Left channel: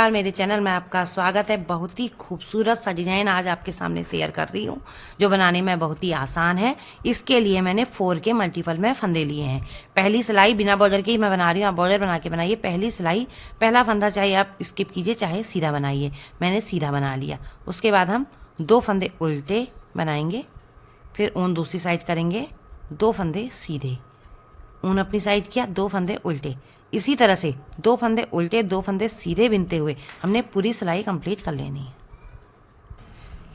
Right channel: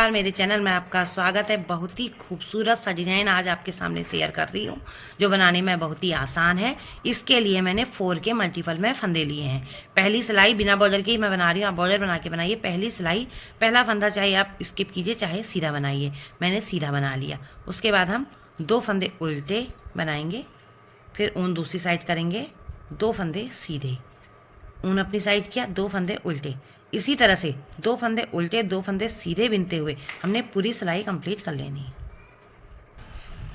नमस्कार, मेरे चैनल में आपका स्वागत है। बहुत ही खूबसूरत सा डिज़ाइन आज आपके सामने शेयर कर रही हूँ, जो बनाने में बहुत ही आसान है। इसके लिए मैंने 4 के मल्टीपल में फंदे लिए हैं। पहली सिलाई बिना बॉर्डर की मैं बना रही हूँ, आप बॉर्डर बना के बनाइए। पहली सिलाई पहला फंदा चाहे आप स्किप कीजिए, चाहे सीधा बनाइए। मैंने सीधा बना लिया। उसके बाद हम 2 फंदे उल्टे बनाएंगे, फिर ऊन दूसरी साइड करेंगे, 2 फंदे सीधे, ऊन अपनी साइड किया, 2 फंदे उल्टे। इसी तरह से 2 फंदे उल्टे 2 फंदे सीधे बिनते हुए हमने पूरी सिलाई कंप्लीट कर लेनी है।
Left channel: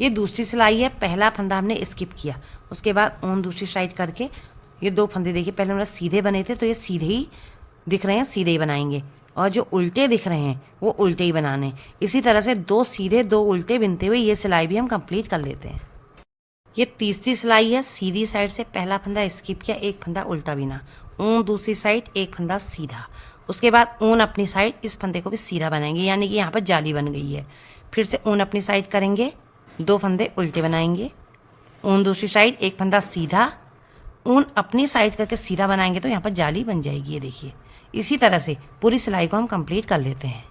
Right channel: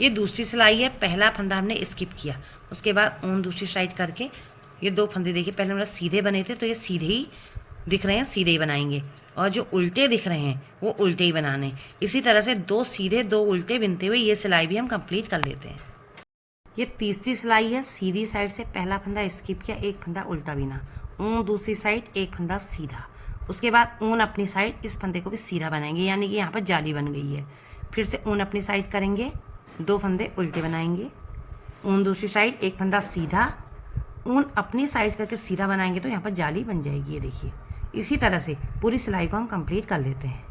ये दूसरी सिलाई है। पहला फंदा हमने स्किप किया, उसके बाद ऊन दूसरी साइड करके ये 2 फंदे देखिए, पहले हमारे सीधे बने थे तो ये सीधे ही दिख रहे हैं, सीधे ही बनाएंगे, और जो उल्टे दिख रहे हैं वो उल्टे ही बनाने। इसी तरह से 2 सीधे 2 उल्टे बिनते हुए ये सिलाई भी हम कंप्लीट कर लेते हैं। ये तीसरी सिलाई है। सीधी साइड से पहला फंदा स्किप किया, एक फंदा उल्टा बिना, ऊन दूसरी साइड, एक फंदा सीधा। उसके बाद ऊन अपनी साइड, इस फंदे को भी सीधा बनाएंगे, यानी कि यहाँ पर जाली बन गई है। फिर से ऊन अपनी साइड करेंगे, 2 फंदे उल्टे बनाएंगे, ऊन दूसरी साइड, एक फंदा सीधा, ऊन अपनी साइड करके सीधा बनाएंगे तो यहाँ पर जाली बन जाएगी। ये देखिए, इसी तरह से पूरी सिलाई को हम कंप्लीट कर लेते हैं।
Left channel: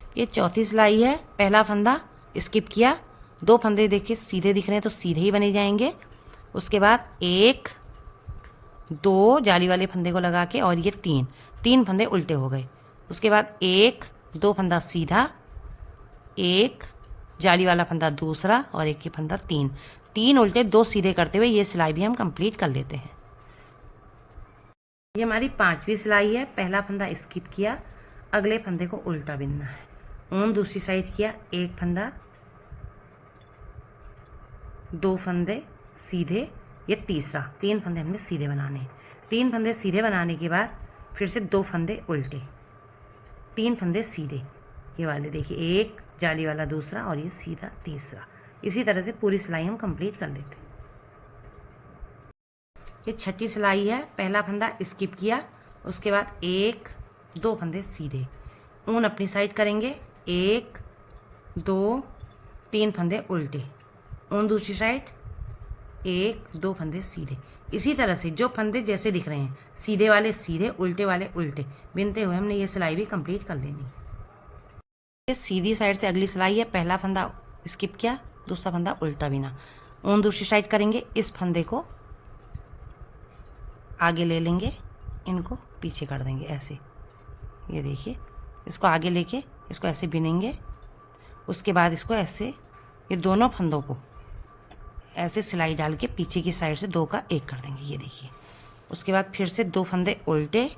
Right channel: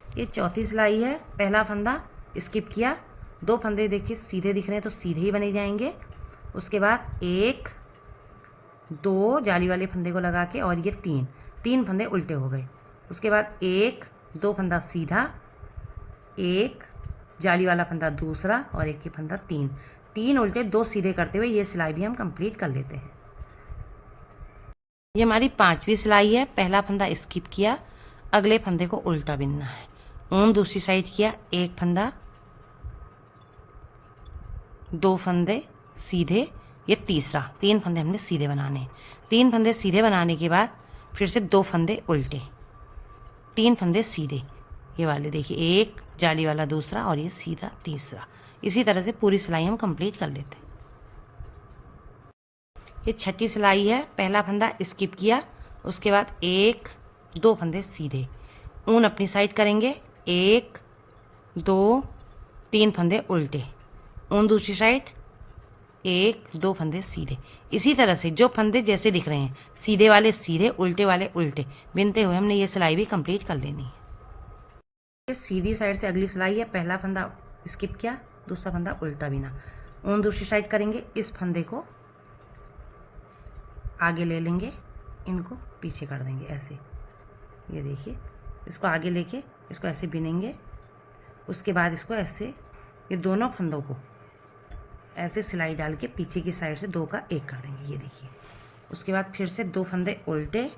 ये चौथी सिलाई है। पहला फंदा स्किप किया, 2 फंदे देखिए सीधे दिख रहे हैं तो सीधे ही बने जाएंगे। उसके बाद 1 2 जाली वाले फंदे को लगा के, और ये 3 फंदे उल्टे हो गए। उसके बाद 1 2 फंदा सीधा, 1 जाली वाला फंदा दूसरा, और 1 ये फंदा 3 उल्टे 2 सीधे करते हुए ये सिलाई भी हम कंप्लीट कर लेते हैं। ये हमारी 5वीं सिलाई है। पहला फंदा स्किप किया, अगले फंदे को उल्टा बिनना है, ऊन दूसरी साइड किया, 1 फंदा, 2 फंदे सीधे, ये तीसरा, 3 फंदे हमने सीधे बनाने। 3 फंदे सीधे बनाने के बाद फिर से 2 फंदे उल्टे, 3 फंदे सीधे, ये वाले देखिए, 1 जाली वाला दूसरा, और ये सीधा तीसरा। इसी तरह से पूरी सिलाई हम कंप्लीट कर लेते हैं। ये 6ठी सिलाई है। पहला फंदा स्किप किया, उसके बाद 1 2 फंदे सीधे, ऊन अपनी साइड करेंगे, 1 2 3 फंदे उल्टे, ऊन दूसरी साइड, 1 2 फंदे सीधे। इसी तरह से जो फंदे जैसे दिख रहे हैं, सीधे वाले सीधे, उल्टे वाले उल्टे, बिनते हुए हमने ये सिलाई भी कंप्लीट कर लेनी है। ये सीधी साइड से अगली सिलाई है। पहला फंदा स्किप किया, दूसरा फंदा उल्टा बिना, ऊन दूसरी साइड करेंगे, इस फंदे को आगे ले लेंगे, इनको पीछे कर देंगे ऐसे। ये देखिए, इसको आगे लेके इसको ऐसे बिनेंगे। उसके बाद इसको ऐसे, ये दोनों फंदों को ऐसे सिलाई डाल के पीछे की साइड से 2 का 1 कर देंगे। ये देखिए, उसके बाद फिर से 2 फंदे उल्टे,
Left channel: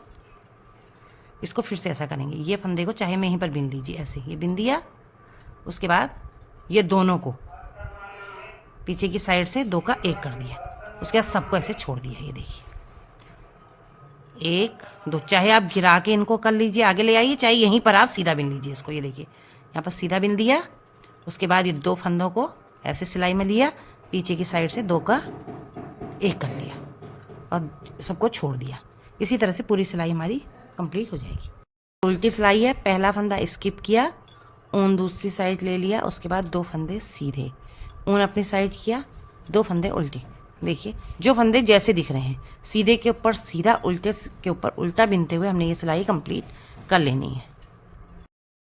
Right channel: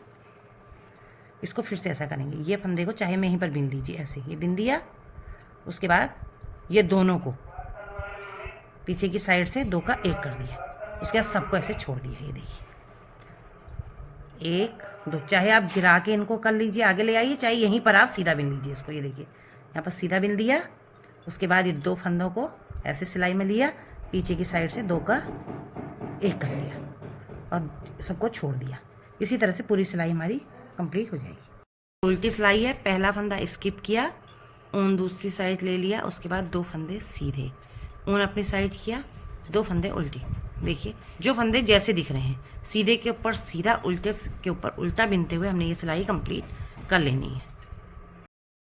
इसको फिर से ऐसा करेंगे। ये फंदे को चाहे में यहीं पर बिन लीजिए, ऐसे ये बिन दिया। उसके बाद ये दोनों को पीछे की साइड से 2 का 1 कर दिया। उसके बाद सबको ऐसे छोड़ दिया। ये देखिए, 1 2, चाहे आप गिरा के इनको कर लीजिए, आगे ले आइए, चाहे यहीं पर आप सीधा बिन लीजिए इसको। ये देखिए, यहाँ पर सीधा बिन दिया। उसके बाद ये 2 फंदों को ऐसे सिलाई में लिया, पीछे की साइड से 2 का 1 कर लिया, और सबको छोड़ दिया। इसी तरह से पूरी सिलाई हमारी कंप्लीट हो जाएगी। उल्टी सिलाई है। पहला फंदा स्किप किया, ऊन दूसरी साइड ले लिया, उसके बाद 2 फंदे सीधे, ऊन अपनी साइड किया, 2 फंदे उल्टे। देखिए, जो फंदे जैसे दिख रहे हैं, सीधे के ऊपर सीधा, उल्टे के ऊपर उल्टा बिनते हुए हमने ये सिलाई कंप्लीट कर लेनी है।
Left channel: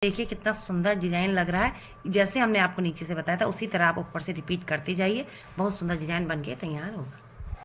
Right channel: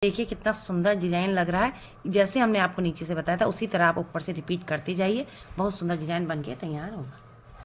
देखिए कितना सुंदर डिज़ाइन लग रहा है। जैसे हमने आपको नीचे से बताया था, उसी तरह आप ऊपर से रिपीट करते जाइए, बहुत सुंदर डिज़ाइन बन के तैयार होगा।